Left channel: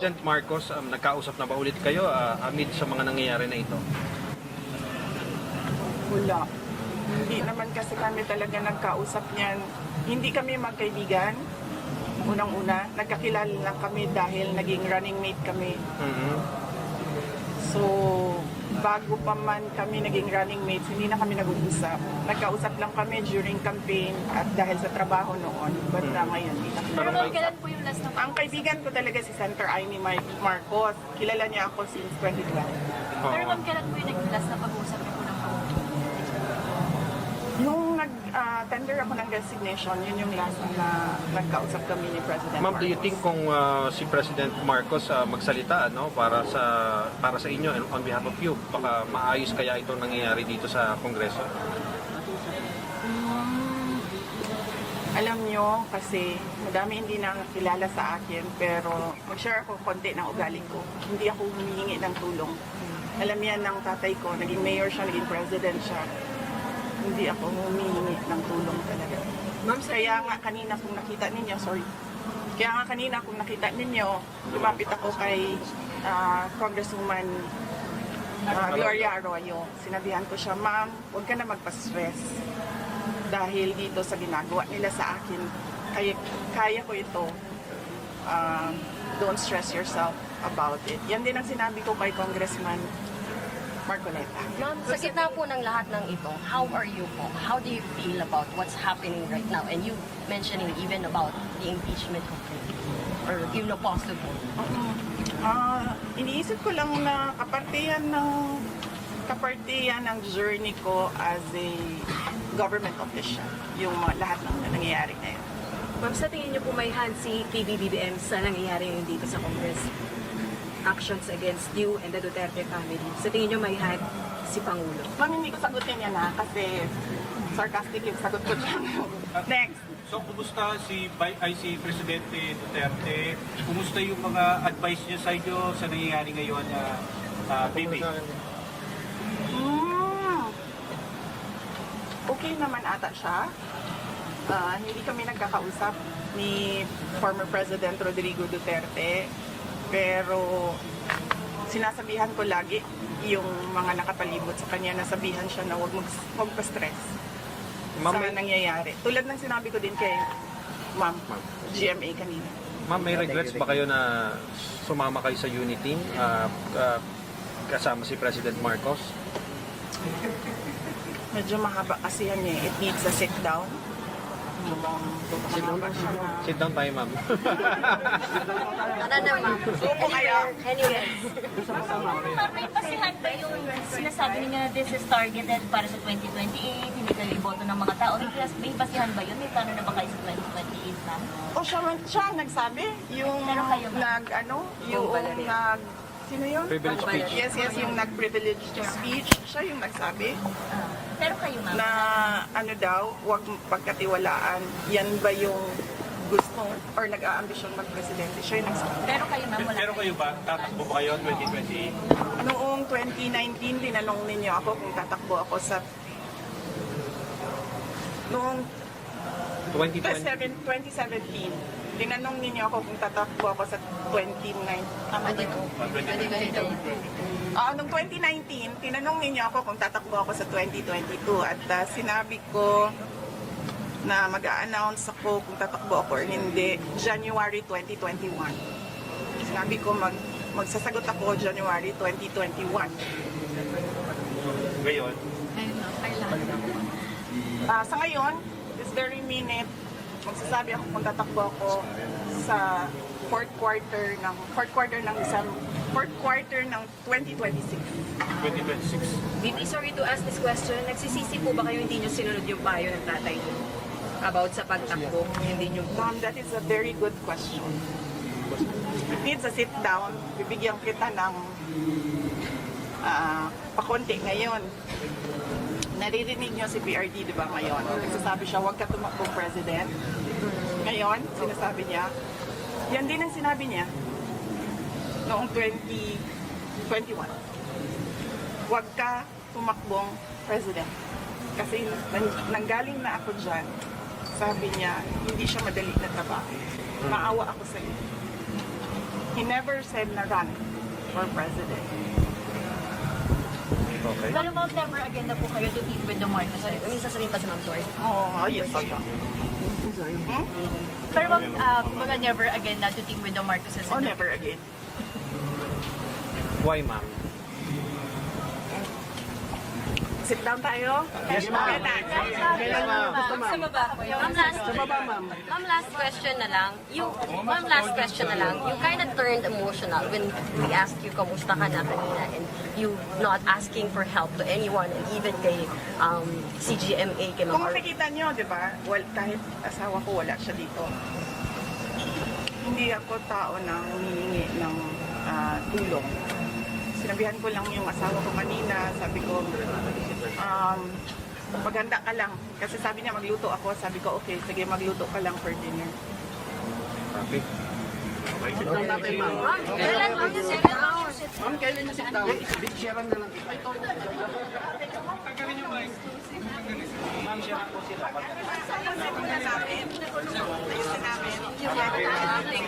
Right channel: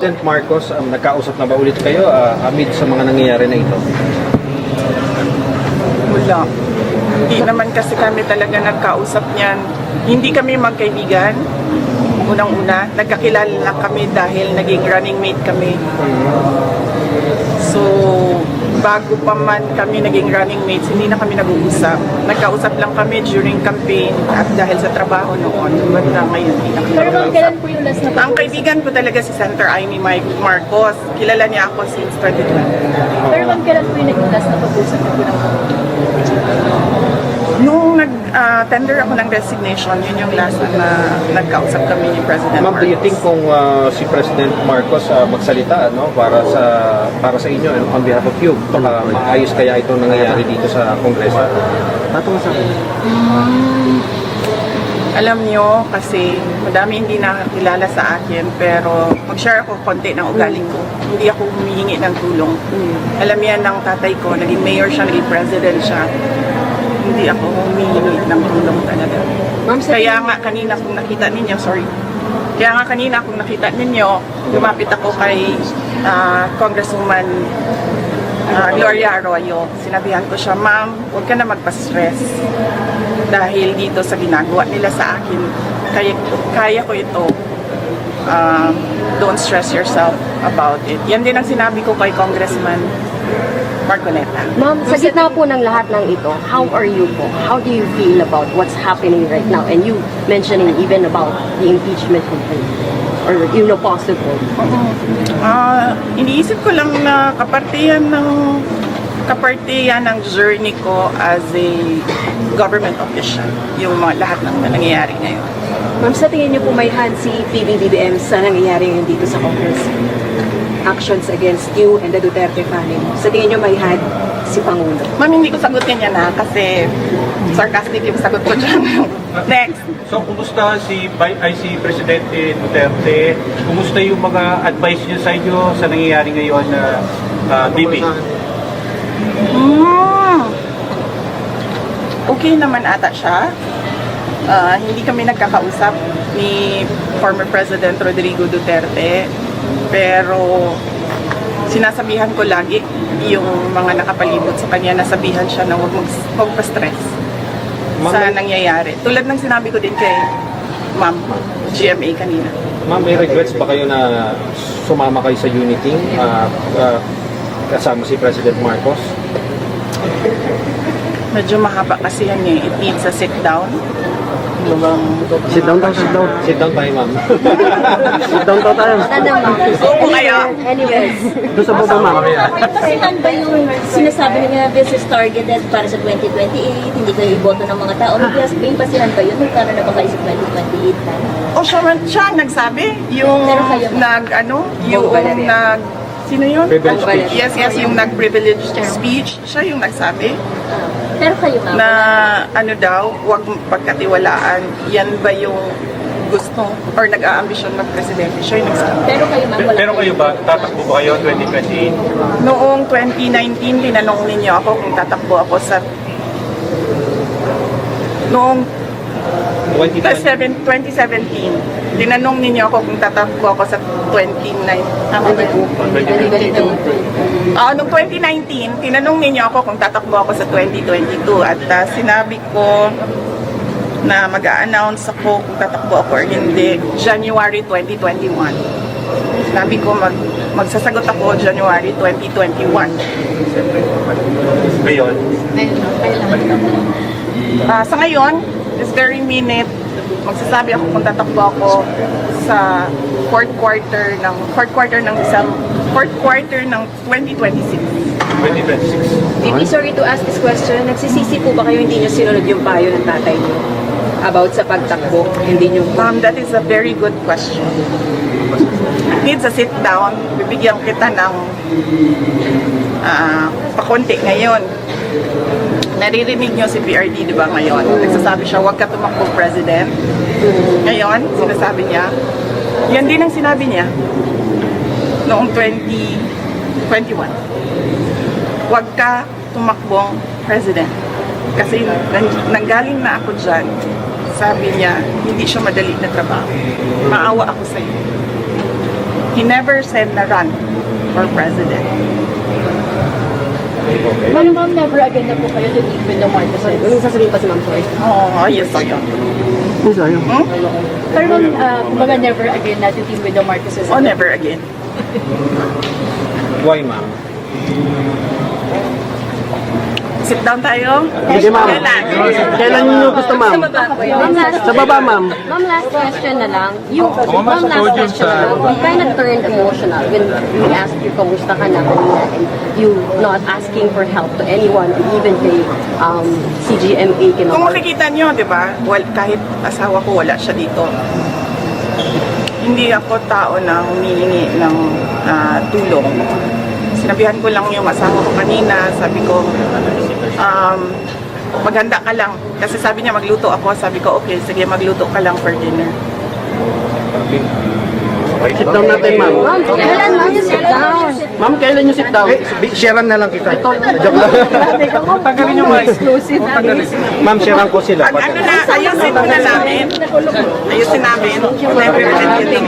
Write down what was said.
President Marcos, nagkausap na ba ulit kayo amid sa mga nangyayari na ito? Wala. Hindi naman kasi kami talaga nagkausap niyan. Hindi kami magkaibigan. Unang-una, nagkakilala lang kami dahil naging running mate kami. So, bago pa man kami naging running mates, hindi na kami nag-uusap. Nagkausap lang kami during campaign at dahil sa trabaho noon. Basta ngayon, hindi na kami Pero nag-uusap. kailan po yung last na Ang kaibigan ko talaga si Senator Amy Marcos. Kilala niya ako since 2012. Pero ma'am, kailan po yung naging last na pag-usap na po ng Nung nag-tender ako ng resignation, yun yung last na nagkausap kami ni President Ma'am, do you think Marcos. kung si President Marcos magsalita para sa inyo and on behalf of you, ayos kaya itong nangyayari dito sa Kongreso? Alam nyo, kasi madami hindi nakakilala sa akin, pero mag-share ako konti ng ugali ko. Hindi ako humihingi ng tulong. Alam yan ng tatay ko, naging mayor siya, naging president siya. Hindi ako humihingi ng tulong talaga. Kaya nga kanina kung nakita ninyo, lumapit ako kay Congresswoman Gloria Arroyo. Sinabihan ko siya, ma'am, huwag ka na magpa-stress. Dahil dito sa ginagawa nila sa akin, kaya ko ito. Don't stress yourself about it. Yan din ang sinabi ko kay Congressman Marcoleta. Ma'am, sa gitna po ng lahat ng ito, how are you po? How do you feel about what's happening right now? And you mentioning even about the impeachment complaint or possible. Iniisip ko lang na kapartihan ng journey ko as a government official, yung lahat ng nangyayari ngayon. Ma'am, sa tingin niyo po may hand si PBBM sa nangyayari ngayon dito sa Congress? Actions against you and the Duterte family. Sa tingin niyo may hand si Pangulo? Ma'am, hindi ko sagutin yan kasi sarcastic yung sagot ko dyan. Next. So, kumusta si Presidente Duterte? Kumusta yung mga advice niya sa inyo sa nangyayari ngayon na Bibi? Okay naman ata siya. Hindi kami nagkakausap ni former President Rodrigo Duterte. Pero sinasabihan ko lagi yung mga nakapalibot sa kanya, nasabihan siya na huwag magpa-stress sa nangyayari. Tulad ng sinabi ko din kay Ma'am GMA kanina. Ma'am, may regrets ba kayo na sumama kayo sa unity kasama si President Marcos? Medyo mahaba kasi yan eh. It needs a sit down. Sit down tayo, ma'am. Opo kayo. Anyways, Kasi ba yung sinasabi niya this is targeted para sa 2028, hindi kayo iboto ng mga tao. May basihan ba yun? Magkano na ba kayo sa 2028? O siya ang nagsabi. Yung Pero kayo, sino yun? Privileged speech. Yes, yung nag-privileged speech. Siya yung nagsabi Pero kayo ma'am, na huwag pagkatiwalaan. Yan ba yung gusto or nag-aambisyon mag-presidente? Siya yung nagsabi. pero kayo ma'am, wala Pero kayo ba, tatakbo ba kayo 2028? Noong 2019, tinanong ninyo ako kung tatakbo ako sa... Noong 2017, tinanong ninyo ako kung tatakbo ako sa 2019. Noong 2019, tinanong ninyo ako kung tatakbo ako sa 2022 at sinabi ko na mag-a-announce ako kung tatakbo ako or hindi January 2021. Sinabi ko magsasagot ako January 2021. Ngayon? Sa ngayon, this very minute, magsasabi ako kung tatakbo ako sa fourth quarter ng 2026. 2026. Bibi, sorry to ask this question. Nagsisisi po ba kayo hindi niyo sinunod yung payo ng tatay niyo about sa pagtakbo? Hindi niyo That is a very good question. Needs a sit down. Bibigyan kita ng pakunti ngayon. Naririnig niyo si PRD, di ba, ngayon? Nagsasabi siya, huwag ka tumakbo, President. Ngayon, sinasabi niya, yan din ang sinabi niya noong 2021. Huwag ka tumakbong President. Kasi nanggaling na ako dyan, sabi niya, hindi siya madali na trabaho. Maawa ako sa iyo. He never said na run for president. Ma'am, never again na po kayo to deal with the Marcoses. Yung sasabihin pa si Ma'am Joy. Oo, ayos o yun. Pero ma'am, mga never again na to deal with the Marcoses. Oh, never again. Why, ma'am? Sit down tayo. Sige, ma'am. Kailan? Kailan niyo gusto, ma'am? Sa baba, ma'am. Ma'am, last question na lang. Ma'am, last question na lang. You kind of turned emotional when we asked you kamusta ka na kanina and you not asking for help to anyone and even the CGMA Kung kinuha. makikita nyo, di ba, kahit asawa ko wala siya dito. Hindi ako tao na humihingi ng tulong. Sinabihan ko lang yung asawa ko kanina, sabi ko, maghanda ka lang. Kasi sabi niya magluto ako, sabi ko, okay, sige magluto ka lang for dinner. Sit down natin, ma'am. Ma'am, kailan ma'am you sit down? Ma'am, kailan niyo sit down? Sharean na lang kita. Joke lang. Tagalin yung mic. Ma'am, sharean ko sila. Ano na, ayusin na namin. Ayusin namin. Never again.